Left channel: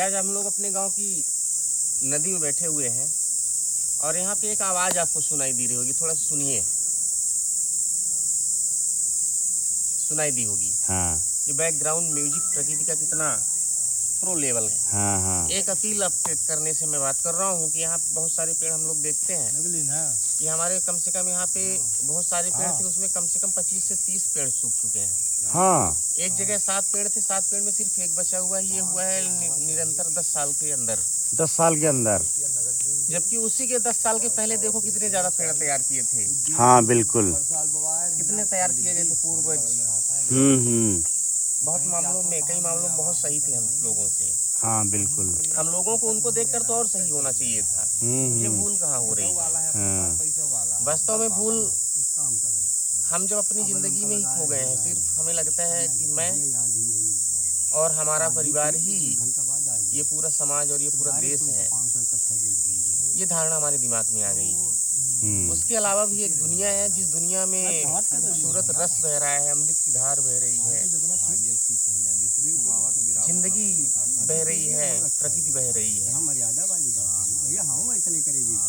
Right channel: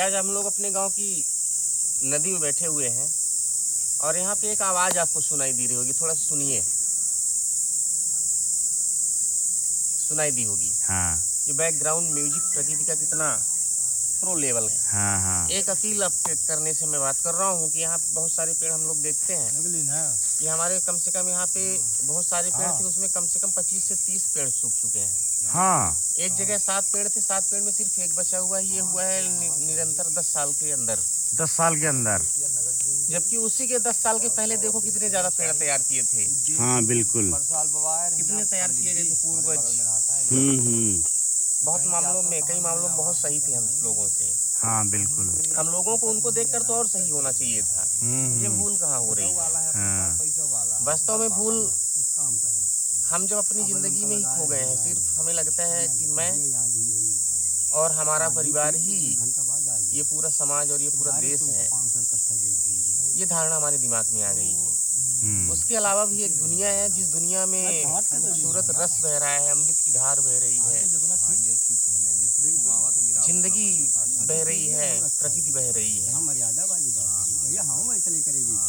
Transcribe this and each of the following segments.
आज हम लोग अपने गांव की नदी में बैठे हुए हैं और यहाँ पे एक आवाज़ आपको सुनाई दी रही होगी, थोड़ा सा सुनिए। सुनाई दी होगी। हाँ। ये बैकग्राउंड म्यूजिक प्रकृति का कितना प्रो लेवल है। हाँ हाँ। एक अपील अपडेट करने से मैं बात कर रहा हूँ कि यहाँ बहुत सारे पेड़ हम लोग देखते हैं कि हमारे कम से कम यहाँ पे बहुत सारे पेड़ थे, उसमें कम से कम 25 से 30 पेड़ सूख चुके हैं। हाँ। एक जगह 7 पेड़ थे, 7 पेड़ में सिर्फ एक बचा हुआ है। ये हुआ है निरंतर 10 साल के अंदर। 10 साल के अंदर। जबकि उसी के 10 साल के पहले देखो कितने ज्यादा पेड़ तैयार किए थे। हाँ बिल्कुल। कितने तैयार किए गए थे पूर्वज। बहुत मामलों में, कई मामलों में बहुत सही थे हम लोगों से। हाँ बिल्कुल। हम लोगों को उनको देखकर तो और सही होना चाहिए था। ये भूल कहाँ हो रही है। हाँ। वास्तव में भूल हम जब अपनी जिंदगी में ही खो गए हैं। सिर्फ हमें लगता है कि मैं और हमारा परिवार ही ये पूरा समाज और ये पूरा देश है, ये धारणा हमारे दिमाग में आ गई है। उसके अलावा भी एक दुनिया है, जिस दुनिया में खूबसूरत रस बह रहा है, अमृत की धार बह रही है, जिंदगी बह रही है, प्रकृति बह रही है।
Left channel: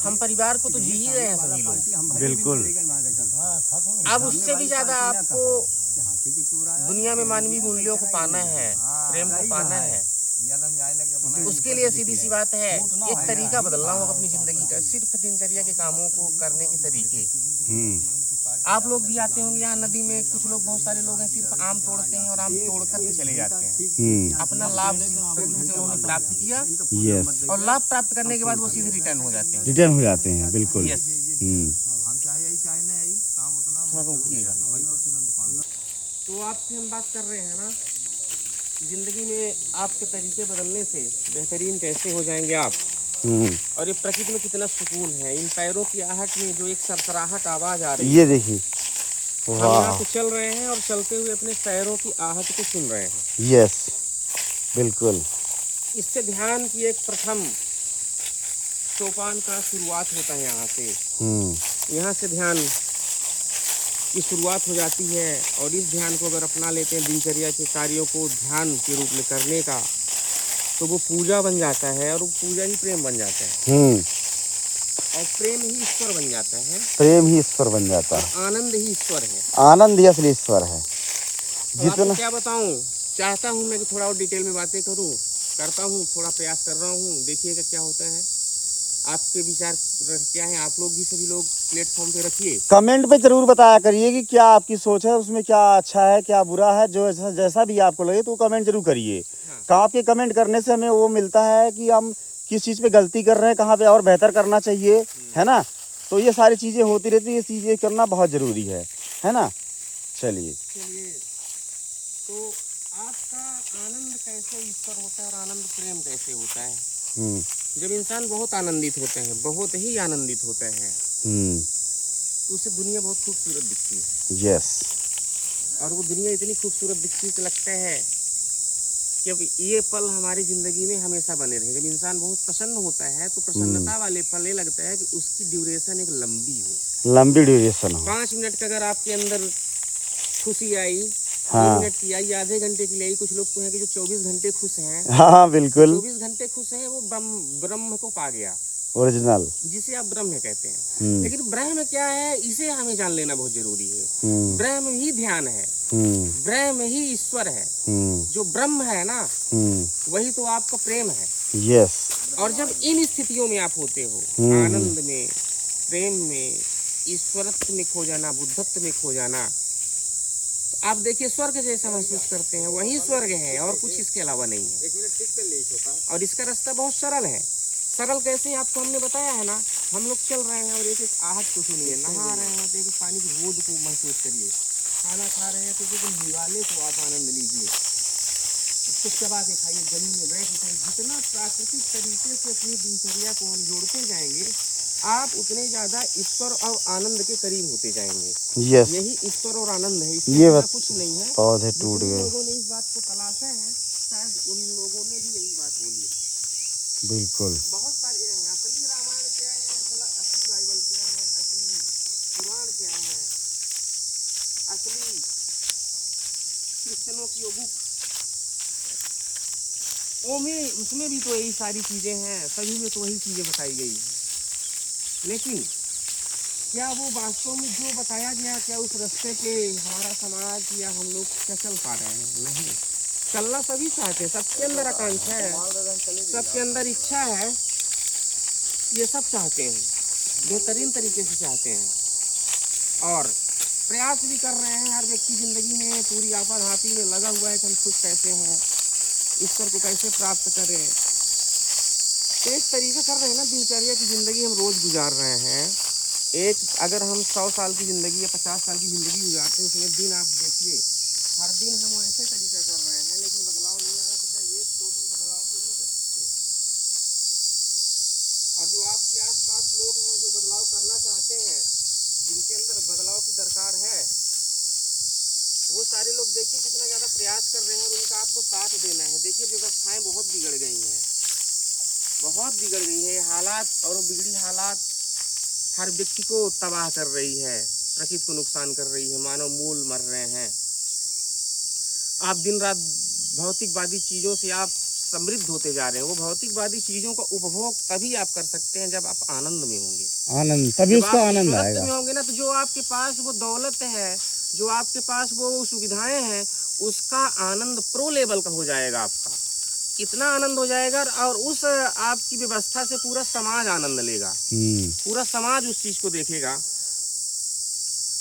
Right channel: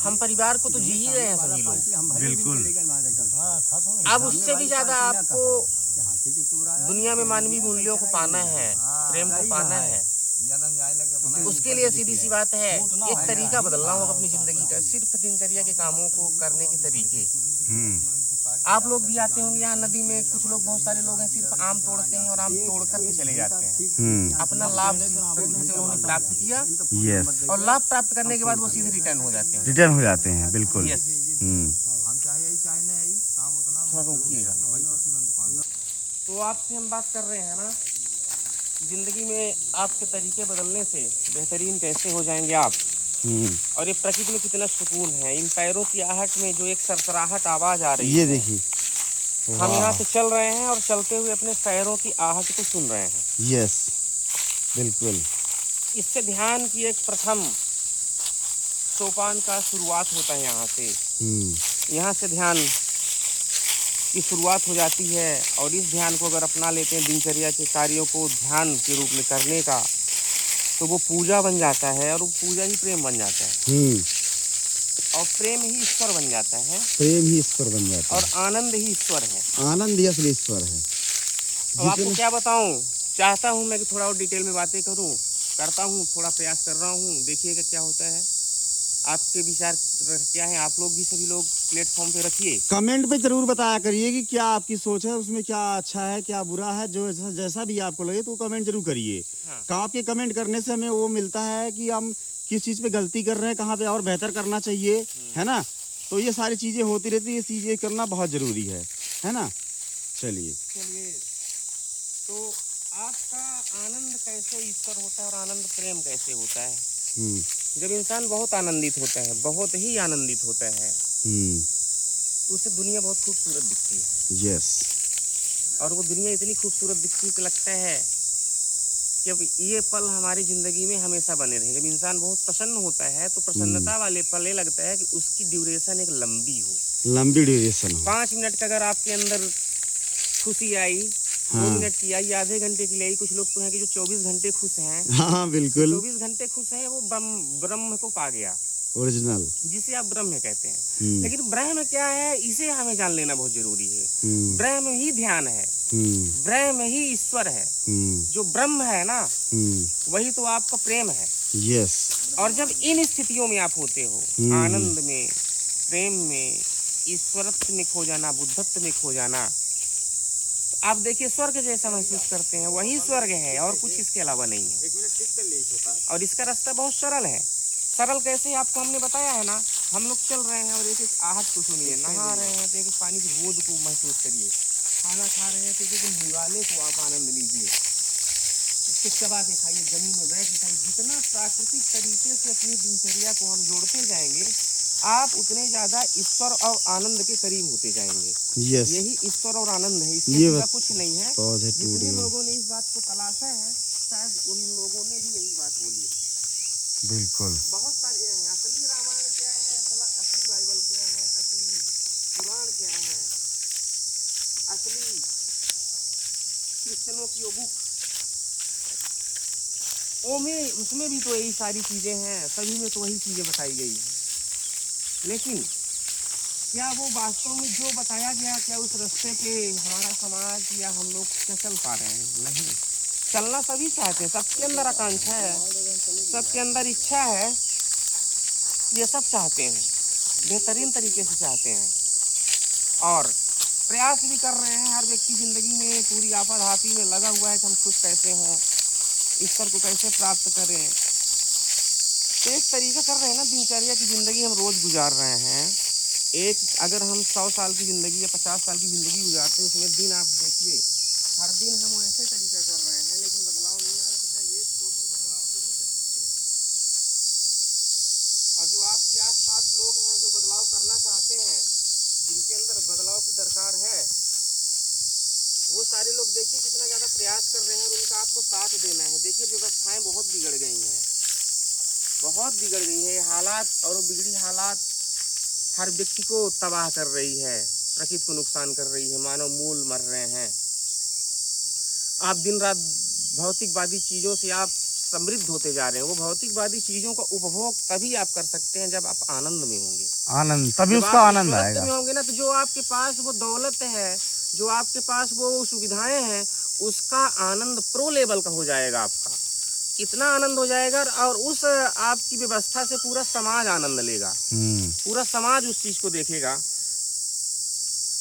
हम परिवार को तो जी ही रहे हैं सभी लोग। बिल्कुल। अब उससे भी ज्यादा आपको दुनिया में मानवीय मूल्यों को पाना है, प्रेम को पाना है। उसके लिए सीधी सी बात है, एक तरीका बदलना होगा अपनी जिंदगी का। सिर्फ दिनचर्या के कामों को करने के तरीके। आप लोग भी आते होंगे यहाँ नदी में, कुछ लोग, बहुत सारे लोग हैं सिर्फ आम तोड़ते हैं और आम तोड़कर के चले जाते हैं। अपना लाभ प्रकृति से उन्होंने प्राप्त किया। यस। और लाभ प्राप्त करने के बाद वो सीधे रिटर्न हो जाते हैं। रिटर्न हो जाते हैं बिल्कुल। यस। थोड़ा रोकिएगा। तो आपसे हम बात कर रहे हैं ना, जिंदगी में आपके तरीके बदलने से बेहतरीन कैसे हो जाएंगे आप। और ये प्रकृति में कितना सुकून है। इन पैरों की आहट में जो एक सरसराहट आवाज आ रही है, ये देखिए। हम यहाँ पे चल रहे हैं और चलते हुए अपने पैरों की आहट को सुन रहे हैं। यस बिल्कुल। इससे ध्यान की एक प्रथम सोपान का शुरुआत होता है यहाँ से। यहाँ से ध्यान की शुरुआत हो जाती है और इस ध्यान को अगर अपना लेते हैं दिनचर्या के कार्यों को ध्यान के रूप में करने का, तो वो पूजा बन जाता है और वो पूजा ही प्रेम बन जाता है। और प्रेम ही ईश्वर बन जाता है। प्रेम ही ईश्वर बन जाता है और आनंद ही ईश्वर है। आनंद ही असली ईश्वर है। तो आपको क्या बताऊं, चाहता हूं मैं कि थोड़ा और डिटेल में बातें करूं, करता हूं, थोड़ा प्रयास कर रहा हूं। देखिएगा क्या होता है। आपके विचार क्या है, आप लोग भी सभी लोग प्लेटफॉर्म पे रखिए। कमेंट पे जरूर बताया करिए कि क्या आपकी सोच है, उसमें क्या अच्छा है क्या बुरा है। जो जैसा भी आपको लगे तो कमेंट जरूर करिए। हाँ। आपके कमेंट करने से हमें वो मिलता है कि हम किस चीज़ पे गलती कर रहे हैं, कहाँ पे और बेहतर करना चाहिए, है ना। तो ये सारी चीज़ें होती रहती है, ये चीज़ें करना बहुत ज़रूरी है ना। चलिए तो आपका आनंद कैसे ईश्वर होता है और आनंद प्रेम कैसे होता है। जब इंसान बहुत आनंदित होता है, बहुत ही आनंदित होता है, तो उसे दुनिया बहुत खूबसूरत दिखती है। यस। और वो दुनिया इतनी खूबसूरत दिखती है कि लगता है कि अब ये पल हमारी जिंदगी में हमेशा बने रहे। जब इंसान बहुत प्रसन्न होता है तो प्रसन्नता वाले पल ये लगता है कि उसकी ड्यूरेशन एक लंबी हो, लंबी ड्यूरेशन हो। 5 मिनट का अगर आपके अंदर खुशी आई, 2 मिनट की आई, आधे घंटे की आई। कुछ लोग तो हैं कि जो 24 घंटे खुश हैं। हाँ बिल्कुल। 24 घंटे खुश है, वो ब्रह्म को पा गया, ओरिजिनल, जिसे आप ब्रह्म कहते हैं। लेकिन ब्रह्म क्या है, इसे हमें जान लेना बहुत जरूरी है। ब्रह्म ही ध्यान है, ब्रह्म ही ईश्वर है। जो ब्रह्म है ना, वही तो आपका प्रेम है। यस। और जब इन स्थितियों में आप होते हो, आनंद में, प्रेम में, ईश्वरत्व में खो जाना, बुद्धत्व में खो जाना, तो आप देखिए स्वर्ग जैसा महसूस करते हैं। वही स्वर्ग है और कुछ इसके अलावा नहीं है। और इसका रास्ता बहुत सरल है। सरल कैसे, आपको हमने बताया है ना। हम लोग चल रहे हैं और एक एक आहट को सुनिए, नहा रहे हैं तो एक पानी की बूंद को महसूस करिए, खाना खा रहे हैं तो एक निवाले को आप आनंद लीजिए, उसको चबा के खाइए, जमीन में बैठ के खाइए। जितना प्राकृतिक तरीके से अपनी दिनचर्या को हम जोड़ते जाएंगे, आप उतने ज्यादा ईश्वर और आनंद के करीब होते जाएंगे। यस। यही ईश्वर और आनंद है, इसके कुछ नहीं है। पौधे टूट गए। लोगों ने इस बात को तलाशा है, शायद उन लोगों ने भी यही बात बोली है। बिल्कुल। बहुत सारे हैं। असली रामायण क्या है, असली बाइबल क्या है, असली कुरान क्या है, असली क्रिश्चियनों की वो बुक उसमें भी तो यही सारी चीजें हैं, सभी में तो वही चीजें बताई गई है। लेकिन क्या वो वास्तव में जो बताया गया, क्या उस रास्ते पे हमारा समाज या हम लोग क्या चल पा रहे हैं? नहीं, चलना सभी चाहते हैं, सबके अंदर आकांक्षा है, सबके अंदर इच्छा है, ये सब चाहते हैं, बेहतरीन तरीके से चाहते हैं और प्रयास भी कर रहे हैं। हर व्यक्ति जिंदगी में पूरी आपाधापी में लगा हुआ है कि हम खुश कैसे हों, ईश्वर को कैसे प्राप्त करें। तो इस तरीके कर रहे हैं ना, दिनचर्या की जिंदगी हम रोज गुजार रहे हैं। एक अगर हम 100 साल की ज़िंदगी या 50 साल की ज़िंदगी गुजारते हैं, उसमें दिन आप देखिए, हर दिन हम ऐसे तरीका कर रहे हैं, लेकिन बदलाव नहीं आ रहा। तो क्या ये तो हम बदलाव क्यों नहीं कर सकते? और जो आपके आसपास लोग हैं जो बदलाव करना चाहते हैं, जिनके अंदर बदलाव की दरकार है, वो सारे लोग देखिए कितना ज़्यादा प्रयास कर रहे हैं और उनका आपको साथ देना है। देखिए व्यवस्थाएं बहुत बिगड़ गई हैं, बहुत बिगड़ गई है हालात, और वो बिगड़ी हालात हर व्यक्ति को तबाह कर रही है, प्रकृति को नुकसान कर रही है, मानव मूल मर रहे हैं। आप दिन रात भौतिकवादी चीज़ों से आप समृद्ध होते जा रहे हैं। वो भौतिकवादी चीज़ों का उपभोग तभी आप कर सकते हैं जब आप आनंद में होंगे। आनंद, तभी उसका आनंद आएगा। में होंगे ना, तो जो आपके पास वो दौलत है, जो आपके पास वो सुविधाएं हैं, उसका आनंद प्रो लेवल का हो जाएगा। आपका इतना आनंद हो जाएगा और उस आपकी व्यवस्था से पूरा समाज आनंद लेगा, पूरा समाज उस चीज को देखेगा।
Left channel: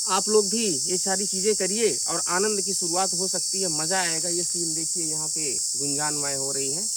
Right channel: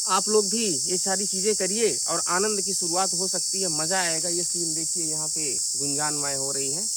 आप लोग भी ये सारी चीजें करिए और आनंद की शुरुआत हो सकती है, मजा आएगा। ये सीन देखिए यहाँ पे गुंजानमय हो रही है।